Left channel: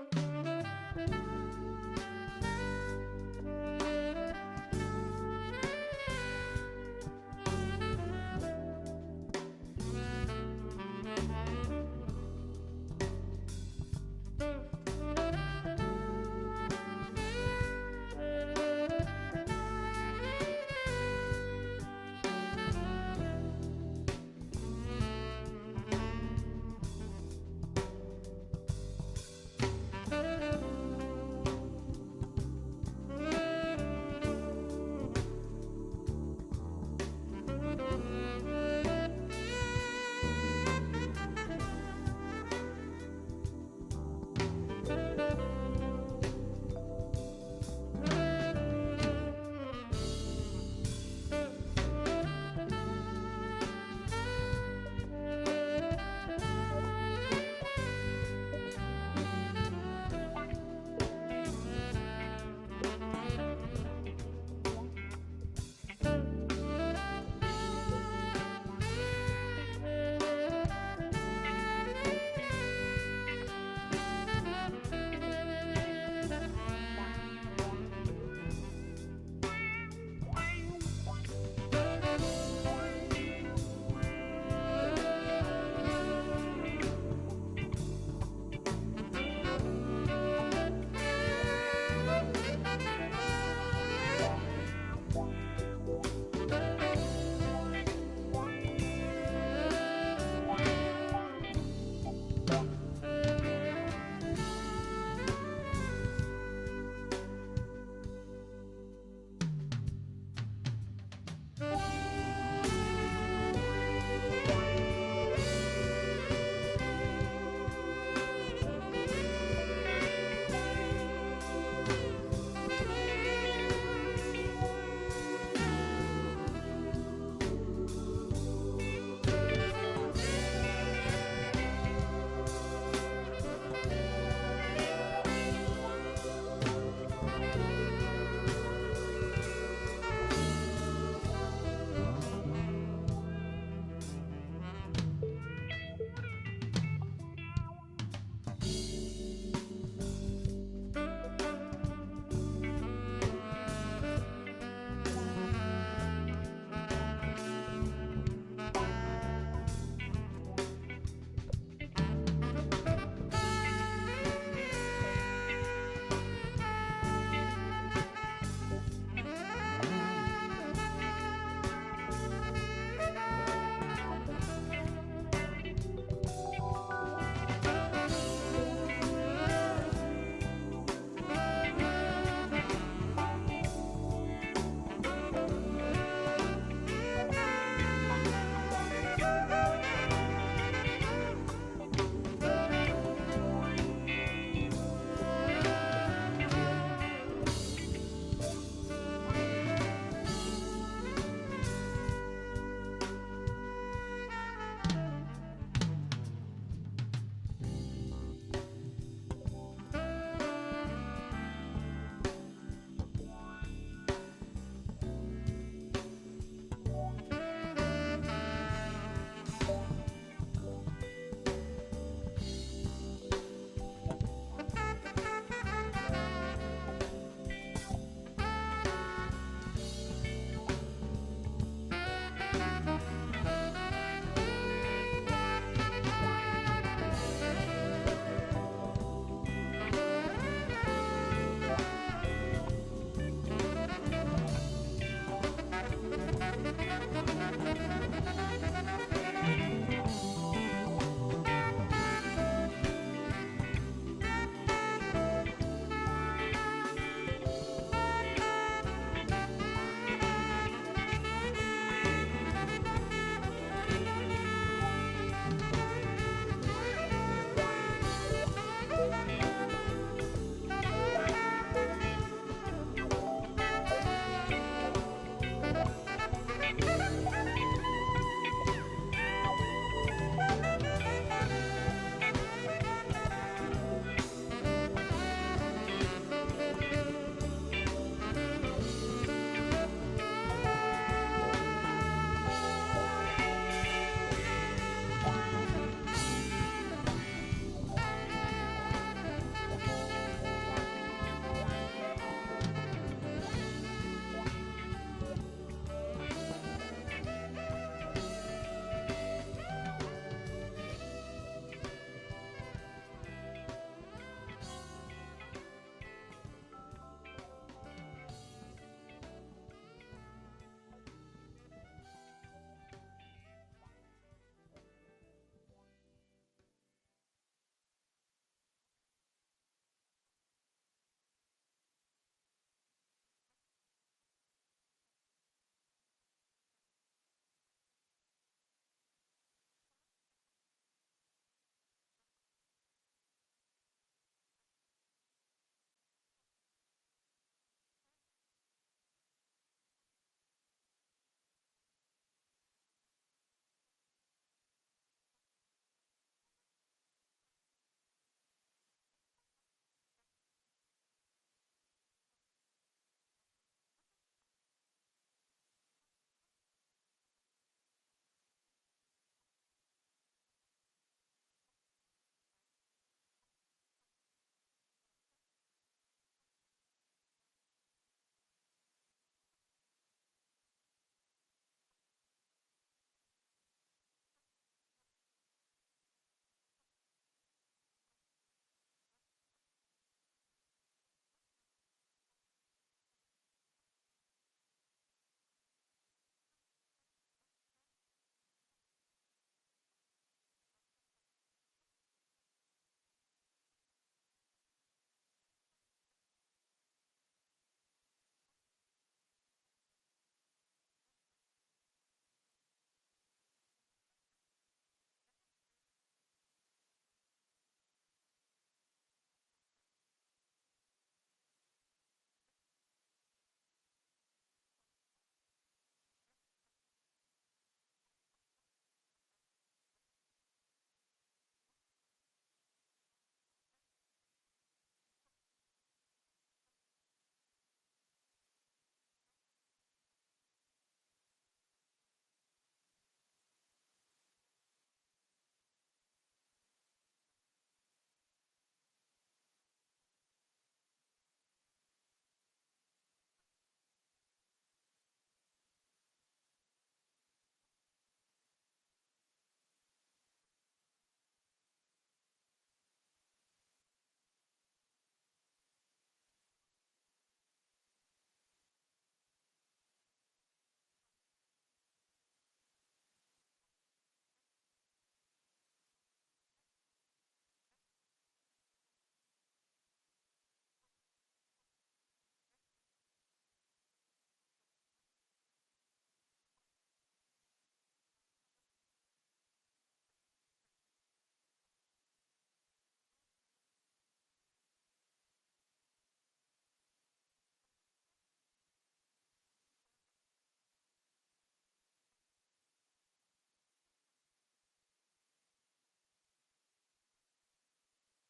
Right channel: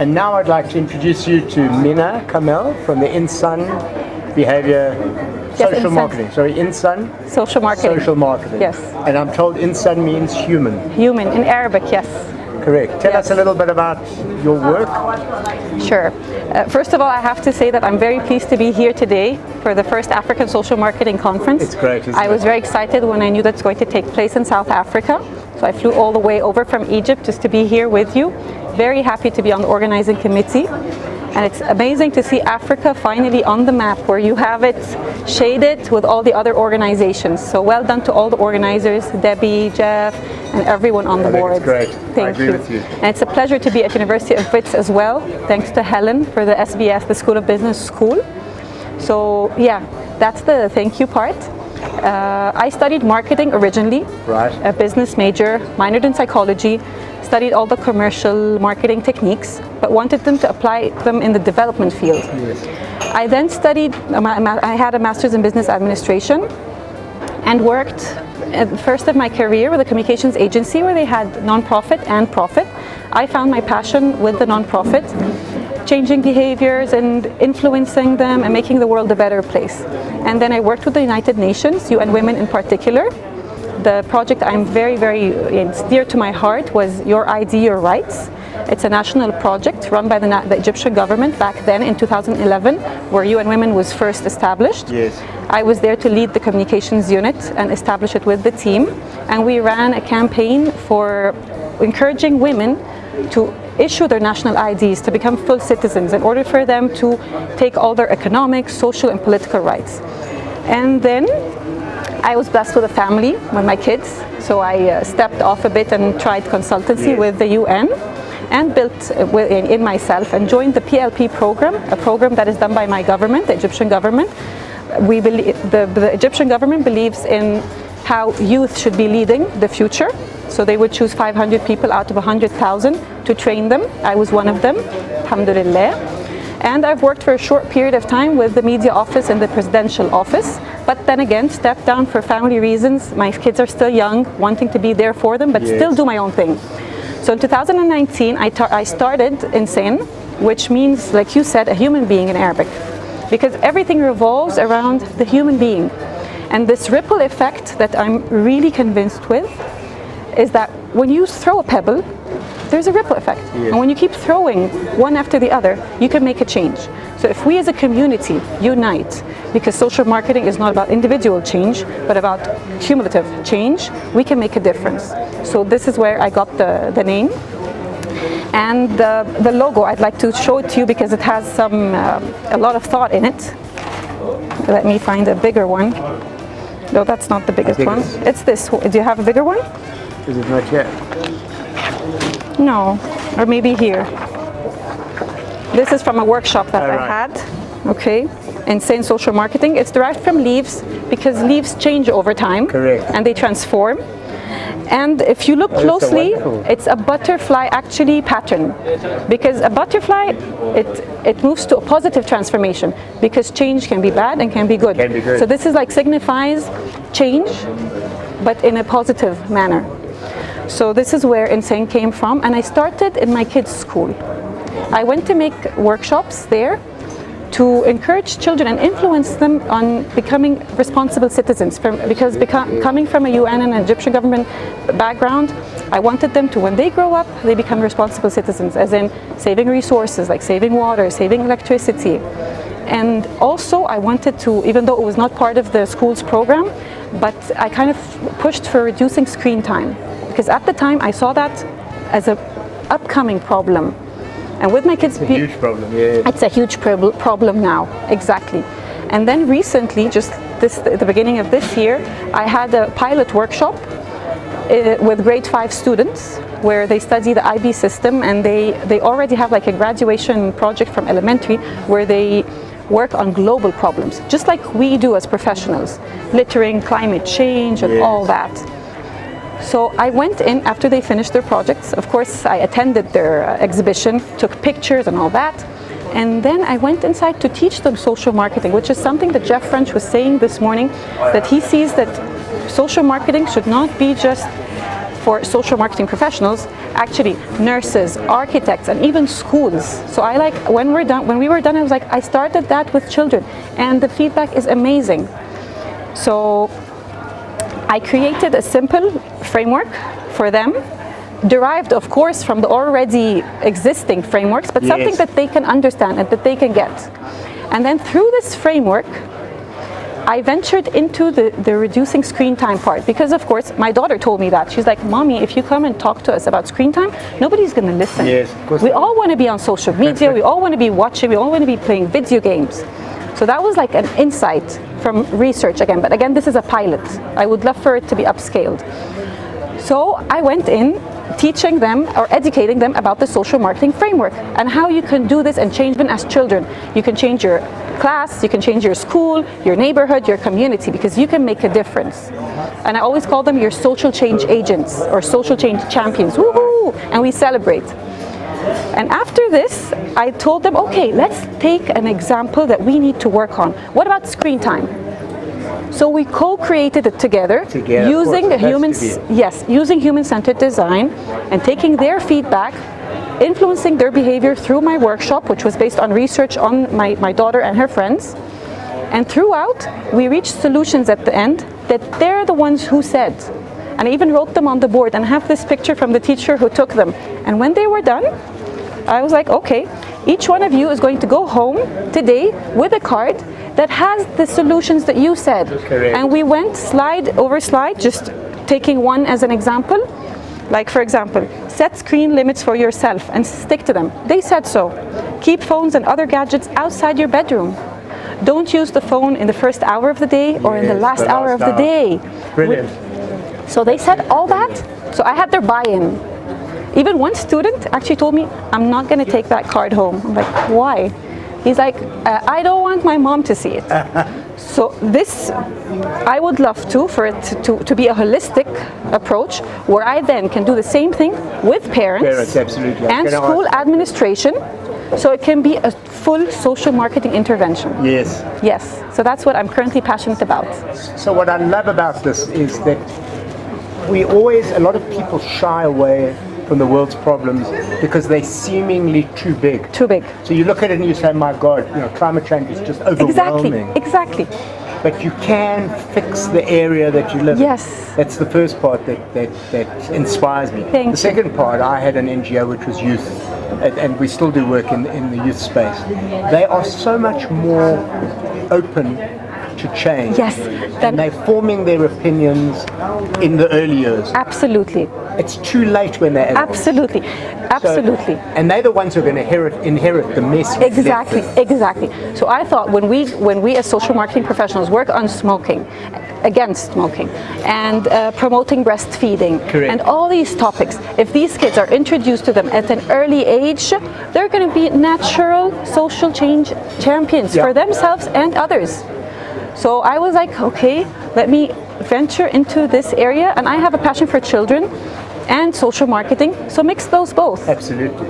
And now I'd like to introduce you to Menna, Kamel from the Insan Behaviour Social Marketing. Sorry, Insan Social marketing. Social Marketing. Yes. And I'm told Insan means human. Human in Arabic, yes. Correct. Tell us a little bit about your work. Sure. First of all, I have to say that I'm very pleased to be here today for the first African Social Marketing Conference. It's great, isn't I it? was very excited when I knew that it's going to take place in South Africa. So I flew all the way over from Egypt just to be here with you. Very happy to be on the organizing committee. And it's amazing to see Africa finally on the map, where you have it shaded with all the other organizations. So well done to all the organizers, Debbie, Jeff, and everyone on the board. It's great. Thank I agree you. with you. And it's a pleasure to be at University of Wits as well. Thanks to Helen for the SBS, the School of Business School. So yeah, that's the thank you part. I studied marketing originally, Right. a business major, minored in psychology, studied all the commercial marketing techniques, but wanted them to apply them in the development field. Yes. I then studied, I had a master's in business administration and worked at the first of my career with a communications agency where they had nonprofit and profit. I found my passion with the nonprofit, changing behaviors and influencing them and making the world a better place. And then I worked with the United Nations, UN Women in particular. The project I'm very, very dear to my heart was Your ID, Your Rights. It's a national project run by the Egyptian government back then in 2011, where UN Women was first established. Yes. I was there to lead the communications unit and establish it with the team. And we ran a campaign for encouraging women to issue their national IDs to become full citizens in order for them to take all their economic, social, and political rights. And then I was blessed with a family with my kids, so I stepped off a bit and tried consultancy with the UN and built in myself and joined the PLP program, a program that is done by my government, the Egyptian government. We believe, the Egyptian government believes in how youth should be leading the future. So they would choose 500 people out of 100,000 to train them. I was one of them, alhamdulillah. And I've worked for a short period of time with the media office and the presidential office, but then again stepped down for family reasons. My kids are still young, wanting to be there for them, but still do my own thing. So in 2019, I started Insan, which means, like you said, a human being in Arabic, because everything revolves around the human being. And this ripple effect that I'm really convinced with is that when you throw a pebble, there's a ripple effect. And when you keep throwing one after the other, you can make a change. So if we as a community unite, because social marketing is not about individual change, but about cumulative change, we can make a difference. So this is where I got the name. And the logo, I'd like to show it to you because it has a lot of thought in it. Let me find a bigger one. No, that's not the biggest one. It's this. Do you have a bigger one? Is it not yet? No, or maybe here. This is from a workshop that I had, okay, Insan Social Marketing. It's derived from leaves because leaves change over time. Correct. And they transform. And if you look closely, it's a butterfly actually pattern, because a butterfly, it moves to a positive transformation, because change can be bad and can be good. Can be good. So this is like signifies change, but in a positive manner. So this is where Insan came from, and I started in my kids' school. I went to make workshops there to encourage children and influence them on becoming responsible citizens. Coming from a UN and an Egyptian government background, I wanted them to, when they grow up, they become responsible citizens, as in saving resources, like saving water, saving electricity. And also I wanted to, even though it was not part of the school's program, but I kind of pushed for reducing screen time, because at the time I saw that as an upcoming problem. And with my kids, it's a huge problem. Yeah. It's a huge problem now, exactly. And then recently, just at the beginning of this year, I had a pilot workshop with grade 5 students where they study the IB system, and they already have like a graduation project from elementary where they work on global problems, just like we do as professionals, littering, climate change, and all that. So I went in after they finished their projects. Of course, I attended their exhibition, took pictures and all that. And then I went inside to teach them social marketing, which is something that Jeff French was saying this morning, that he sees that social marketing should not be just for social marketing professionals, actually nurses, architects, and even schools. So when we were done, I was like, I started that with children, and the feedback is amazing. So I created a simple framework for them, derived of course from the already existing frameworks, but something that they can understand and that they can get. And then through this framework, I ventured into the reducing screen time part, because of course my daughter told me that. She's like, Mommy, if you come and talk to us about screen time, nobody's going to listen. Yes, of course. We all want to be on social media, we all want to be watching, we all want to be playing video games. So that was like an insight from research again, but again, this is a pilot. I would love for it to be upscaled. So I went in teaching them or educating them about the social marketing framework and how you can do this and change them as children. You can change your class, you can change your school, your neighborhood, your community, because you can make a difference. And I always call them your social change agents or social change champions. Woohoo! And we celebrate. And after this, I told them, okay, let's take an example that we need to work on. What about screen time? So we co-created it together using using human-centered design and taking their feedback, influencing their behavior through my workshop, which was based on research on my daughter and her friends. And throughout, we reached solutions at the end that they're the ones who said. And I even wrote them on the board and have this picture from the teacher who took them. And when they were done, I was like, okay, each one of you is going to go home today with a card that has the solutions that you said. Correct. And we went slide over slide, just taking one as an example. Like, for example, set screen limits for yourself and stick to them. They said so. Keep phones and other gadgets outside your bedroom. Don't use the phone in the first hour of the day or in the last hour of the day. Brilliant. So they said all that. So I had their buy-in. Even one student actually told me, I'm not going to take that card home. I'm like, why? He's like, I don't want my mom to see it. So this, I would love for it to be a holistic approach where I then can do the same thing with parents absolutely. and school administration, so it can be a full social marketing intervention. Yes. Yes, so that's what I'm currently passionate about. So what I love about this is that a lot of people shy away from the world's problems because they're seemingly too big. Too big. So you look at it and you say, my God, climate change is just overwhelming. Exactly. But you can fix the area that you live in. Yes. That's the first part that inspires me. Thank you. The second part, I had an NGO which was youth, and we still do work in the youth space. They are so much more open to change. Yes. And they're forming their opinions in the early years. Absolutely. It's too late when they're adults. Absolutely. And they're the ones who are going to inherit the mess. Exactly. So I thought when we as social marketing professionals work on smoking, against smoking, and promoting breastfeeding, Correct. and all these topics, if these kids are introduced to them at an early age, they're going to be natural social change champions for themselves and others. So I was like, okay, let me venture into this area, and I have a passion for children and social marketing, so mix those both. Absolutely.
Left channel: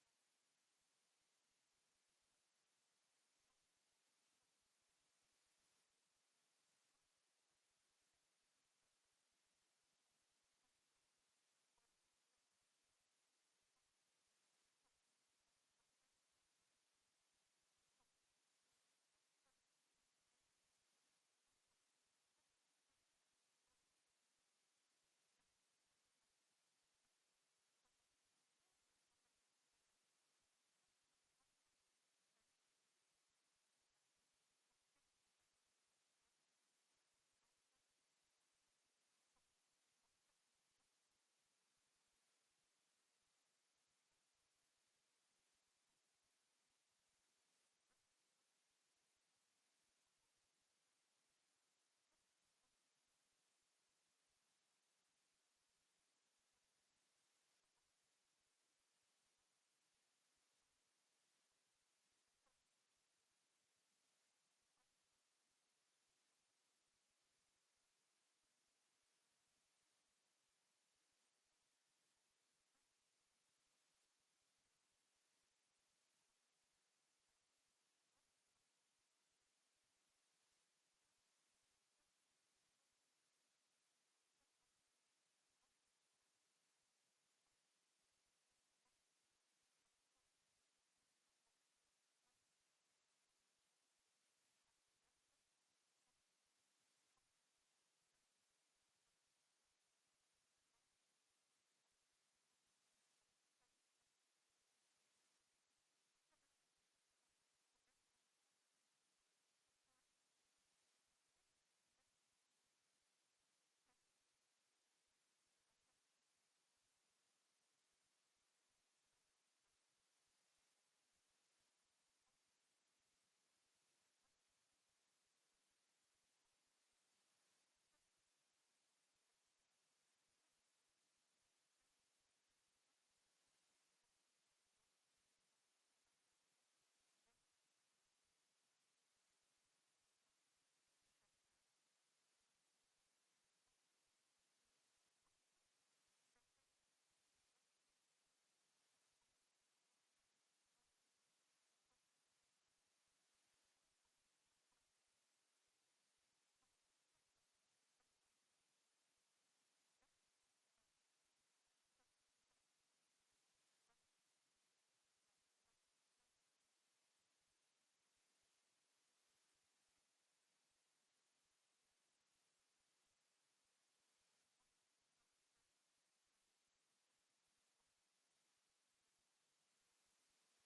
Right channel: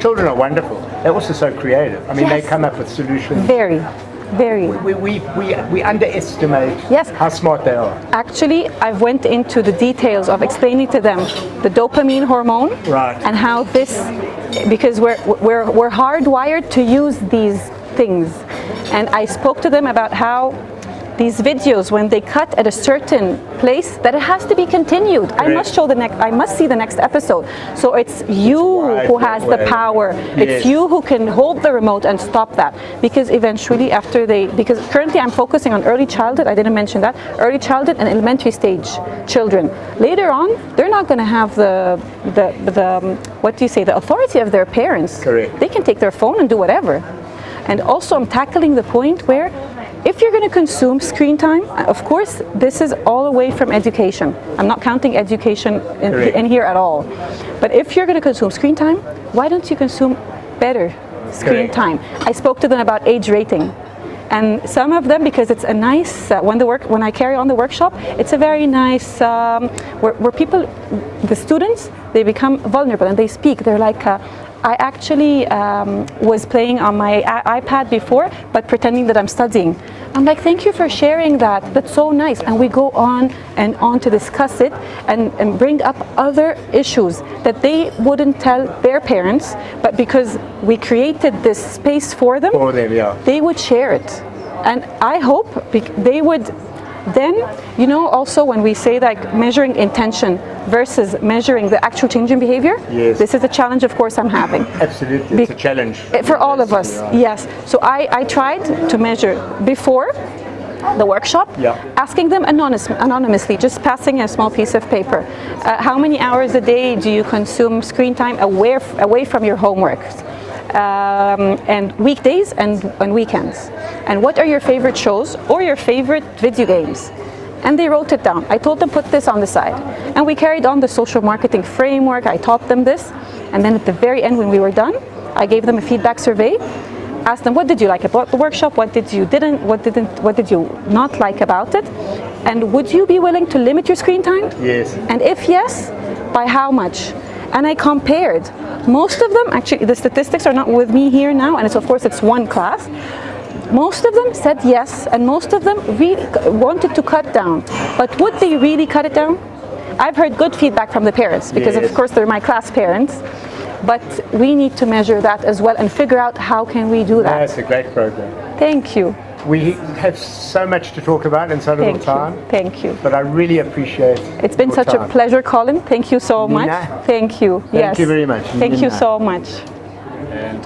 Children are wonderful. They're also so creative. I mean, they come up with solutions. Very. We underestimate how smart they are. Actually, I went into the details of explaining to them the dopamine hormone, right, and how this, because we're hardwired to use these things. And I spoke to them about how these videos, when they cut at a certain place, that it has to be continued. Correct. I must see the next episode. So it's you who has the power. Yes. It's you who can hold the remote and stop that. Because eventually because currently I'm focusing on early childhood, I didn't mention that, early childhood and elementary stage children. Later on, they're not going to have the authority of their parents. Correct. They can take their phone and do whatever. And also I'm tackling the point where if you're going to consume screen time, of course, this is all away from education. I'm not counting education in here at all. But if you're going to consume screen time, why don't you consume better screen time? I spoke to them about age rating. And some of them, because it's a nice, when I carry on the workshop, it's a very nice, where people, the students, they become vulnerable and they speak. They're like, I actually was playing on my iPad before, but pretending that I'm studying. I'm like, thank you for sharing that. That's so nice. And we go on and on to discuss it and bring up other issues that they wouldn't tell their parents, but because we created this space for them, yeah. they would share it. And I hope they would then, you know, also when we say like measuring intention versus measuring the actual change in behavior, yes. This is a challenge, of course, I'm having. Absolutely, it's a challenge. For all of us, yes. So I tried to measure before the workshop, yeah. asking them anonymously, just passing a small piece of paper. How many hours a day do you consume screen time away from your homework? And weekdays and weekends. And what are your favorite shows or your favorite video games? And they wrote it down. I told them put this on the side. And we carried on the social marketing framework. I taught them this. And then at the very end when we were done, I gave them a feedback survey. Asked them, what did you like about the workshop? What did you not like about it? And would you be willing to limit your screen time? Yes. And if yes, by how much? And I compared. Most of them, actually, the statistics are not with me here now, and of course it's one class. Most of them said yes, and most of them really wanted to cut down. But would they really cut it down? I've heard good feedback from the parents, because yes. of course they're my class parents. But we need to measure that as well and figure out how can we do that. That's a great program. Thank you. We have so much to talk about in so little time. Thank you. But I really appreciate It's been such a pleasure, Colin. Thank you so much. Menna, Thank you. Thank you very much. Thank you Menna. so much. And